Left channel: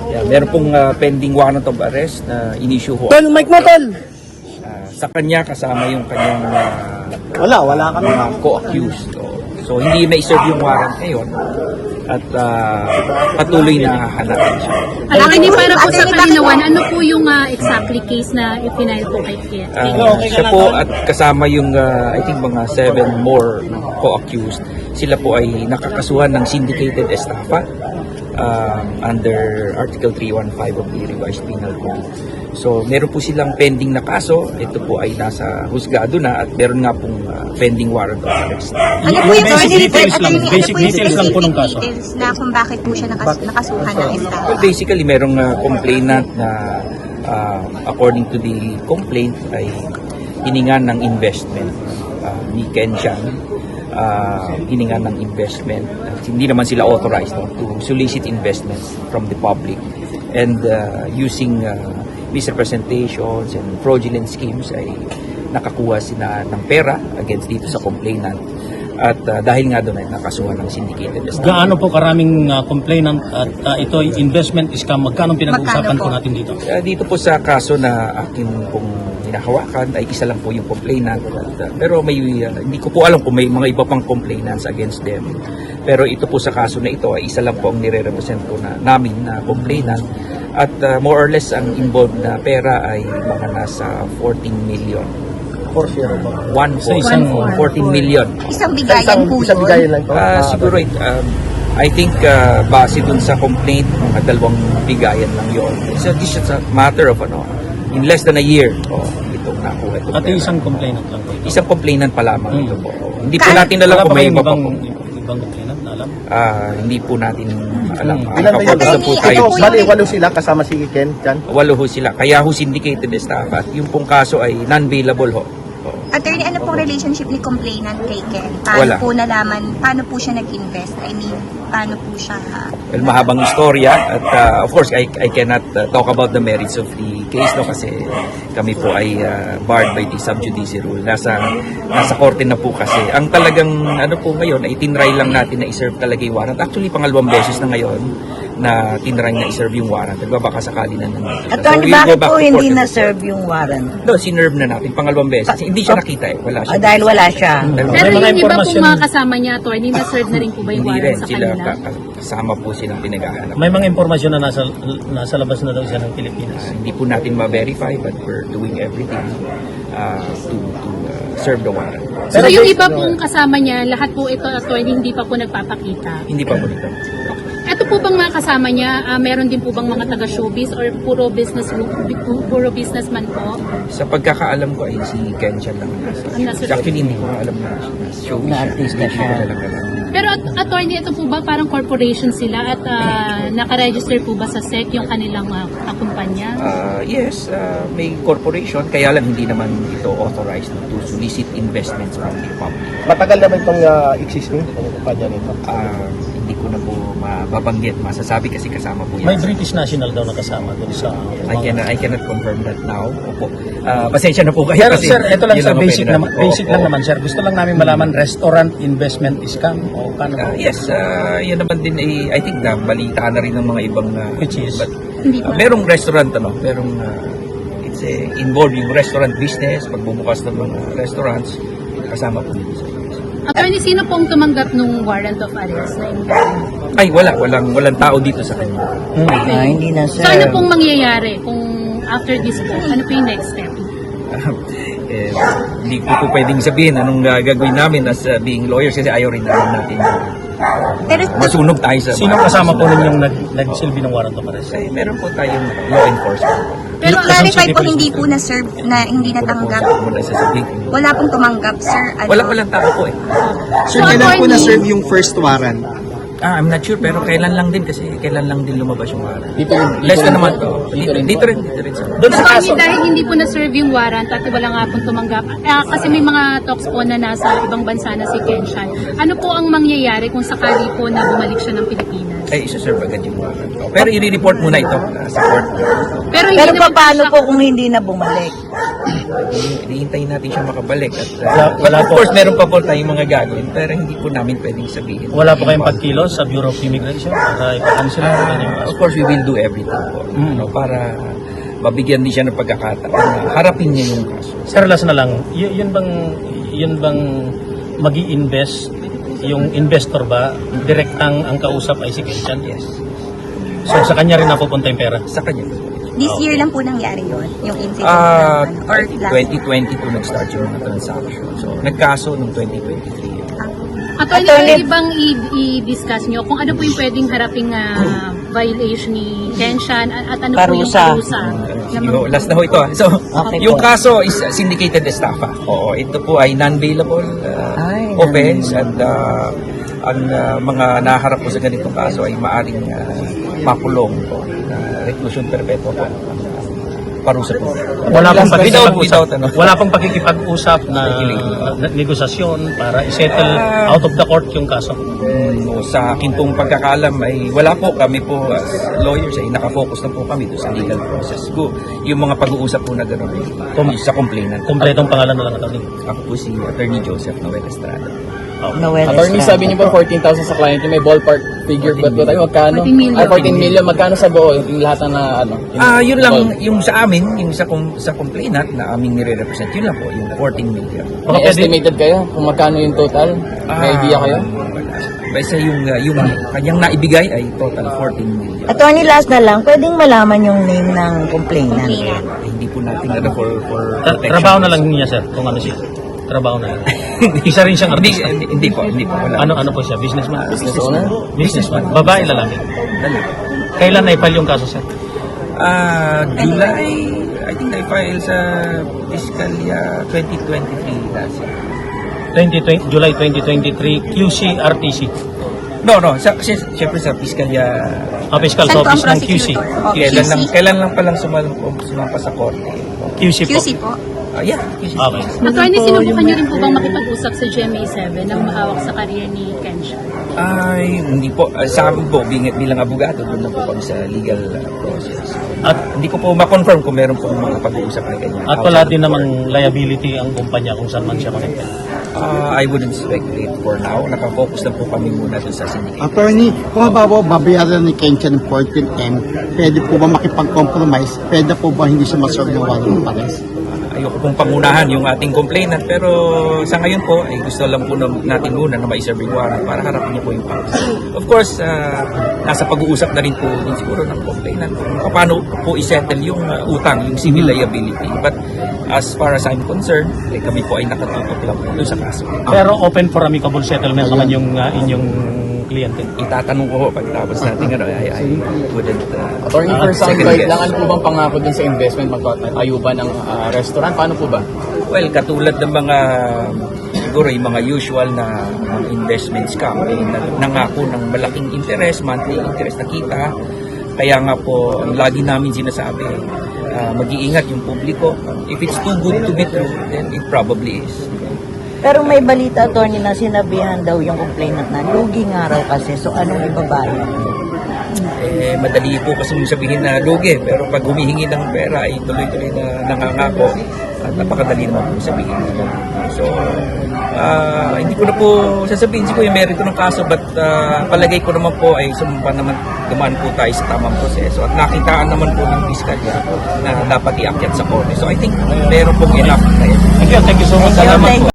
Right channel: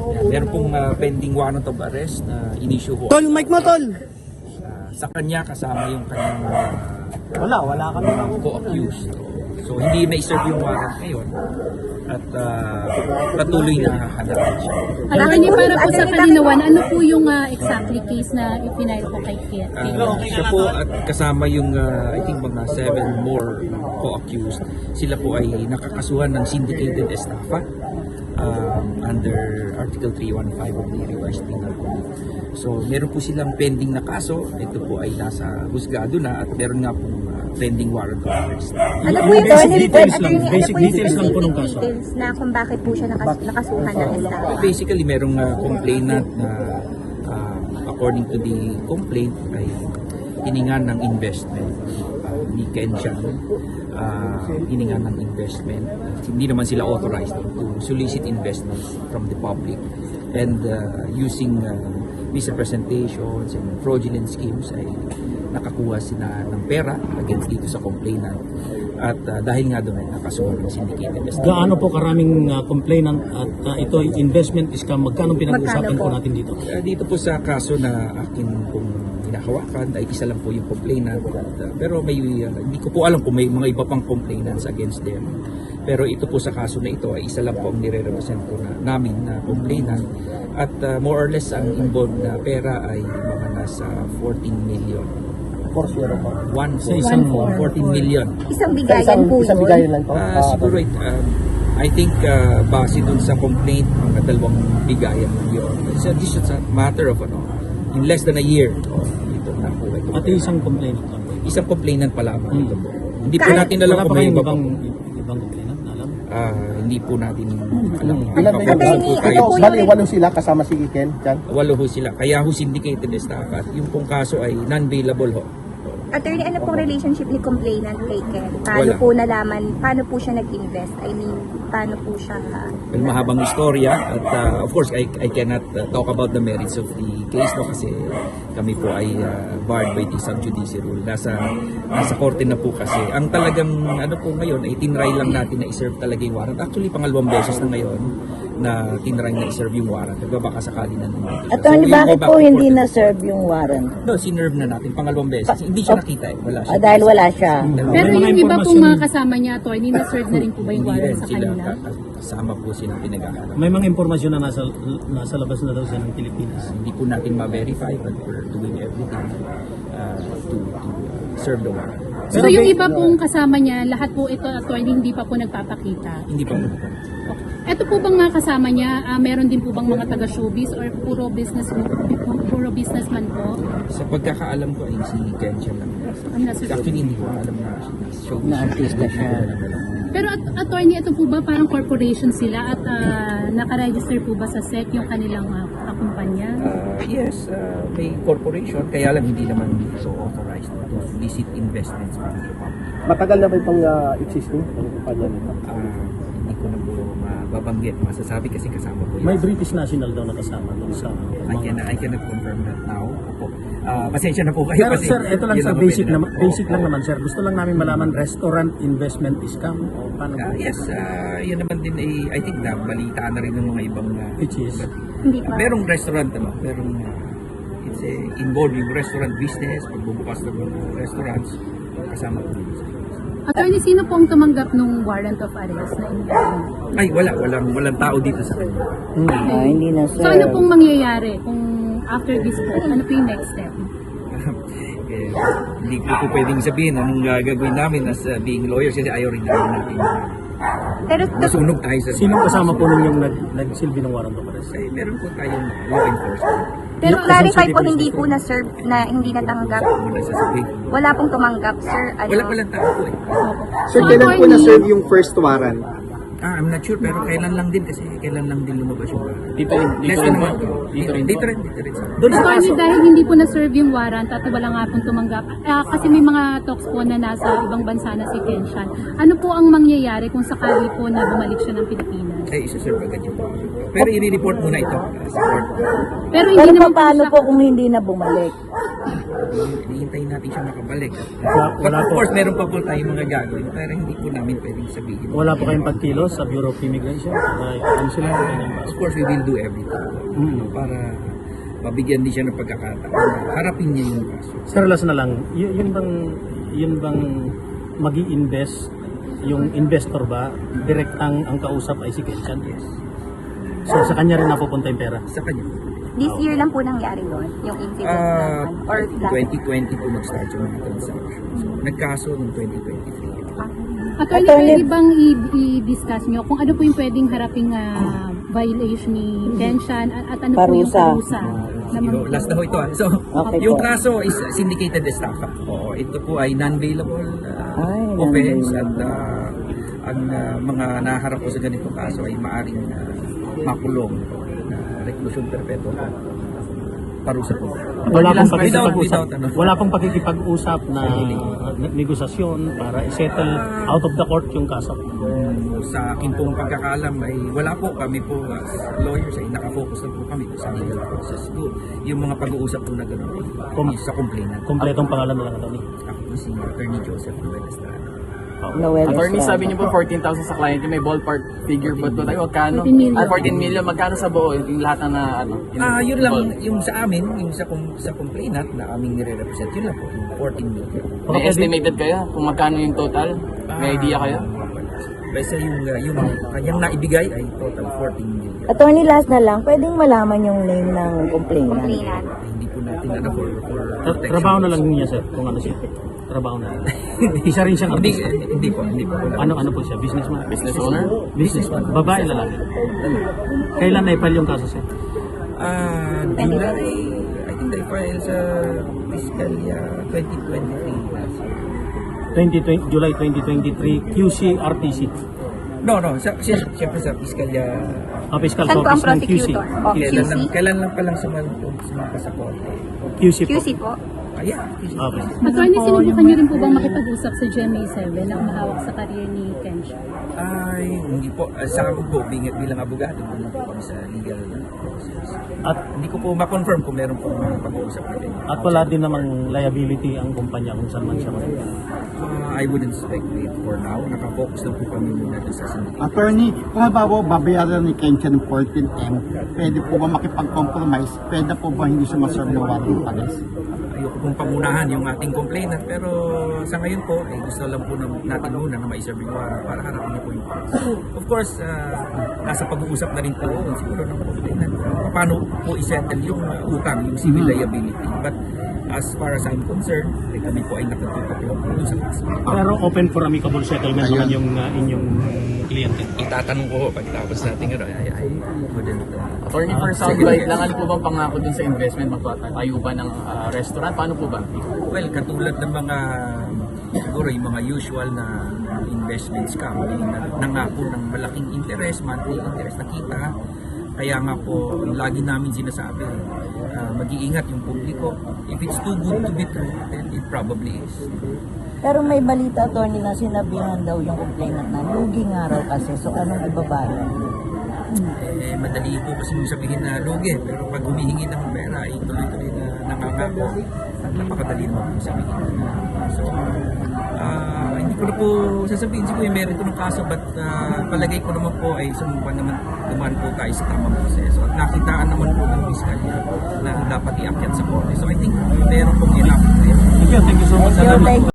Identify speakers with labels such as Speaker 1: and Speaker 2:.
Speaker 1: Yeah, meron pong pending warrant of arrest na in-issue ho.
Speaker 2: Tol, mic mo, tol!
Speaker 1: Sa kanya kasama yung kanyang
Speaker 2: Wala kami.
Speaker 1: co-accused. So hindi na-serve yung warrant ngayon at patuloy na hanapin siya.
Speaker 3: Attorney, para po sa kalinawan, ano po yung exactly case na ipinail po kay Ken?
Speaker 1: Siya po at kasama yung I think mga 7 more na co-accused. Sila po ay nakakasuhan ng syndicated estafa under Article 315 of the Revised Penal Code. So meron po silang pending na kaso. Ito po ay nasa husgado na at meron nga pong pending warrant of arrest.
Speaker 4: Ano po yung
Speaker 2: basic details lang po ng kaso.
Speaker 4: Na kung bakit po siya nakasuhan ng estafa?
Speaker 1: Well, basically merong complainant na according to the complaint ay hiningan ng investment ni Ken Chan. Hiningan ng investment. Hindi naman sila authorized to solicit investments from the public and using misrepresentations and fraudulent schemes ay nakakuha sila ng pera against dito sa complainant at dahil nga doon ay nakasuhan ng syndicated estafa.
Speaker 2: Gaano po karaming complainant at ito ay investment scam? Magkano pinag-uusapan po natin dito?
Speaker 1: Dito po sa kaso na akin pong hinahawakan ay isa lang po yung complainant at, pero may hindi ko po alam kung may mga iba pang complainants against them. Pero ito po sa kaso na ito ay isa lang po ang nire-represent po namin na complainant at more or less ang involved na pera ay mga nasa 14 million. 14 million.
Speaker 4: Isang bigayan po yun?
Speaker 1: Siguro I think base dun sa complaint mga 2 bigayan lang yon. So this is a matter of in less than a year ito nakuha ito.
Speaker 2: At isang complainant lang po.
Speaker 1: Isang complainant pa lamang ito po. Hindi po natin alam kung may iba pa po.
Speaker 2: Ibang complainant na alam?
Speaker 1: Hindi po natin alam. Focus na po tayo.
Speaker 5: Bali, 8 sila kasama si Ken Chan?
Speaker 1: 8 ho sila. Kaya ho syndicated estafa at yung pong kaso ay non-bailable ho.
Speaker 4: Attorney, ano pong relationship ni complainant kay Ken?
Speaker 1: Wala.
Speaker 4: Paano po siya nag-invest? I mean, paano po siya...
Speaker 1: Well, mahabang istorya at of course I cannot talk about the merits of the case kasi kami po ay barred by the sub judice rule. Nasa korte na po kasi. Ang talagang po ngayon ay tinry lang natin na i-serve talaga yung warrant. Actually, pangalawang beses na ngayon na tinry na i-serve yung warrant. Nagbabaka sakali na naman. So we'll go back to court.
Speaker 6: Hindi na-serve yung warrant?
Speaker 1: No, sinerve na natin pangalawang beses. Hindi siya nakita wala siya.
Speaker 6: Dahil wala siya.
Speaker 3: Pero yung iba pong mga kasama niya, attorney, na-serve na rin po ba yung
Speaker 1: Hindi rin
Speaker 3: warrant sa
Speaker 1: sila
Speaker 3: kanila?
Speaker 1: kasama po silang pinaghahanap.
Speaker 2: May mga impormasyon na nasa labas na daw siya ng Pilipinas.
Speaker 1: Hindi po natin ma-verify but we're doing everything to serve the warrant.
Speaker 3: So yung iba pong kasama niya, lahat po ito, attorney, hindi pa po nagpapakita?
Speaker 1: Hindi pa po nito.
Speaker 3: Ito po bang mga kasama niya, meron din po bang mga taga-showbiz or puro businessman po?
Speaker 1: Sa pagkakaalam ko ay si Ken Chan lang nasa. Actually hindi ko alam na nasa showbiz siya. Hindi ko talaga alam.
Speaker 3: Pero attorney, ito po ba parang corporation sila at nakaregister po ba sa SEC yung kanilang kumpanya?
Speaker 1: Yes, may corporation kaya lang hindi naman ito authorized to solicit investments from the public.
Speaker 5: Matagal na ba itong existing kumpanya nito?
Speaker 1: Hindi ko na po mababanggit. Masasabi kasi kasama po yan.
Speaker 2: May British national daw na kasama doon sa...
Speaker 1: I cannot confirm that now. Opo. Pasensya na po kayo
Speaker 2: Pero
Speaker 1: kasi
Speaker 2: sir, ito lang
Speaker 1: yun
Speaker 2: sa
Speaker 1: ang
Speaker 2: basic,
Speaker 1: pwede
Speaker 2: basic lang naman sir. Gusto lang namin malaman, restaurant investment scam o kano?
Speaker 1: Yes, yan naman din I think na balita na rin ng mga ibang
Speaker 2: Which is?
Speaker 1: but, merong restaurant merong it's involved yung restaurant business, pagbubukas ng mga restaurants kasama po dito sa
Speaker 3: Attorney, sino pong tumanggap nung warrant of arrest na investment?
Speaker 1: Ay, walang tao dito sa kanya.
Speaker 6: Hindi na
Speaker 3: So ano pong mangyayari kung after this, ano po yung next step?
Speaker 1: Hindi ko po pwedeng sabihin anong gagawin namin as being lawyers kasi ayaw rin natin
Speaker 4: Pero
Speaker 1: masunog tayo sa
Speaker 2: Sino kasama po ninyong nagsilbi ng warrant of arrest?
Speaker 1: Ay, meron po tayong law enforcement.
Speaker 4: Pero clarify po, hindi po na-serve, na hindi natanggap.
Speaker 1: Muna sasabihin.
Speaker 4: Wala pong tumanggap, sir.
Speaker 1: Walang tao po
Speaker 5: Sir, kailan po na-serve yung first warrant?
Speaker 1: I'm not sure pero kailan lang din kasi kailan lang din lumabas yung warrant. Less na naman to. Dito rin.
Speaker 3: Attorney, dahil hindi po na-serve yung warrant at wala nga pong tumanggap, kasi may mga talks po na nasa ibang bansa na si Ken Chan. Ano po ang mangyayari kung sakali po na bumalik siya ng Pilipinas?
Speaker 1: ay isa-serve agad yung warrant. Pero i-report muna ito sa court.
Speaker 3: Pero hindi
Speaker 6: Pero
Speaker 3: naman
Speaker 6: paano
Speaker 3: siya-
Speaker 6: po kung hindi na bumalik?
Speaker 1: Hihintayin natin siya makabalik. At,
Speaker 2: Wala
Speaker 1: but of
Speaker 2: po.
Speaker 1: course, meron pa po tayong mga gagawin, pero hindi po namin pwedeng sabihin.
Speaker 2: Wala po kayong pagkilos sa Bureau of Immigration para ipa-cancel po yung
Speaker 1: Of course, we will do everything po. Para mabigyan din siya ng pagkakataon na harapin niya yung kaso.
Speaker 2: Sir, last na lang, yun bang mag-i-invest, yung investor ba, direct ang kausap ay si Kenchan?
Speaker 1: Yes.
Speaker 2: So sa kanya rin napupunta yung pera?
Speaker 1: Sa kanya.
Speaker 4: This year lang po nangyari yun, yung incident
Speaker 1: Ah,
Speaker 4: na, or last
Speaker 1: 2022 nag-start yung mga transaction. So, nagkaso noong 2023.
Speaker 3: Attorney, pwede bang i-discuss nyo kung ano po yung pwedeng haraping violation ni Kenchan at ano po yung
Speaker 6: Parusa.
Speaker 3: parusa?
Speaker 1: Sige ho, last na ho ito. So, yung kaso is syndicated estafa. Oo, ito po ay non-bailable offense at ang mga naharap po sa ganitong kaso ay maaring makulong po. Reclusion perpetua po. Parusa po.
Speaker 2: Wala pong
Speaker 1: Without,
Speaker 2: wala pong pakikipag-usap na negosasyon para i-settle out of the court yung kaso.
Speaker 1: No, sa akin pong pagkakaalam ay wala po, kami po as lawyers ay nakafocus na po kami doon sa legal process. Yung mga pag-uusap po na gano'n sa complainant.
Speaker 2: Kompletong pangalan na lang attorney.
Speaker 1: Ako po si Attorney Joseph Noel Estrada.
Speaker 7: Attorney, sabi niyo po 14,000 sa client niyo, may ballpark figure ba ito tayo? Magkano?
Speaker 3: 14 million.
Speaker 7: 14 million, magkano sa buo? Yung lahat na
Speaker 1: Yun lang, yung sa amin, yung sa complainant na aming nire-represent, yun lang po, yung 14 million.
Speaker 7: May estimated kayo kung magkano yung total? May idea kayo?
Speaker 1: Wala. Basta yung kanyang naibigay ay total 14 million.
Speaker 6: Attorney, last na lang, pwedeng malaman yung name ng complainant.
Speaker 4: complainant.
Speaker 1: Hindi po natin for protection.
Speaker 2: Trabaho na lang niya sir, kung ano siya. Trabaho na yun. Isa rin siyang artista.
Speaker 1: Hindi po, wala.
Speaker 2: Ano po siya? Businessman?
Speaker 7: Business owner?
Speaker 2: Businessman. Babae, lalaki.
Speaker 1: Wala.
Speaker 2: Kailan na-file yung kaso sir?
Speaker 1: July, I think na-file sa fiscal year 2023 last year.
Speaker 2: July 2023, QC RTC.
Speaker 1: No, siyempre sa fiscal year.
Speaker 2: Fiscal
Speaker 4: Saan po ang
Speaker 2: Office ng QC.
Speaker 4: prosecutor?
Speaker 1: Kailan lang palang sumampa sa korte.
Speaker 2: QC po.
Speaker 4: QC po.
Speaker 1: Yeah, QC.
Speaker 2: Okay.
Speaker 3: Attorney, sinubukan niyo rin po bang makipag-usap sa GMA7 na humahawak sa kariya ni Kenchan?
Speaker 1: Ay, hindi po. Sa amin po, bilang abogado, doon lang po kami sa legal process.
Speaker 2: At
Speaker 1: Hindi ko po ma-confirm kung meron po mga pag-uusap na ganyan.
Speaker 2: At wala din naman liability ang kumpanya kung saan man siya makipag.
Speaker 1: I wouldn't speculate for now. Nakafocus lang po kami muna doon sa syndicate.
Speaker 8: Attorney, kung habawa babayaran ni Kenchan ng 14M, pwede po ba makipag-compromise? Pwede po ba hindi siya masolve ng warrant of arrest?
Speaker 1: Ayoko pong pangunahan yung ating complainant, pero sa ngayon po ay gusto lang po natin muna na ma-serve yung warrant para harapin niyo po yung kaso. Of course, nasa pag-uusap na rin po din siguro ng complainant kung paano po i-settle yung utang, yung civil liability. But as far as I'm concerned, kami po ay nakatutok lang po doon sa kaso.
Speaker 2: Pero open for amicable settlement naman yung inyong kliyente.
Speaker 1: Itatanong ko pagtapos natin I wouldn't
Speaker 7: Attorney, for some
Speaker 1: second
Speaker 7: guide
Speaker 1: guess.
Speaker 7: lang, ano po bang pangako dun sa investment? Magtatayo ba ng restaurant? Paano po ba?
Speaker 1: Well, katulad ng mga siguro yung mga usual na mga investment scam, nangako ng malaking interest, monthly interest na kita. Kaya nga po, ang lagi namin sinasabi, mag-iingat yung publiko. If it's too good to be true, then it probably is.
Speaker 6: Pero may balita, attorney, na sinabihan daw yung complainant na lugi nga raw kasi, so anong ibabayad?
Speaker 1: Madali po kasi sabihin na lugi, pero pag humihingi ng pera ay tuloy-tuloy na nangangako at napakadali naman po sabihin. So, hindi ko na po sasabihin siguro yung merito ng kaso, but palagay ko naman po ay dumaan po tayo sa tamang proseso at nakitaan naman po ng piskalya na dapat iakyat sa korte. So I think meron pong enough na yun.
Speaker 2: Thank you so much.
Speaker 1: Salamat po.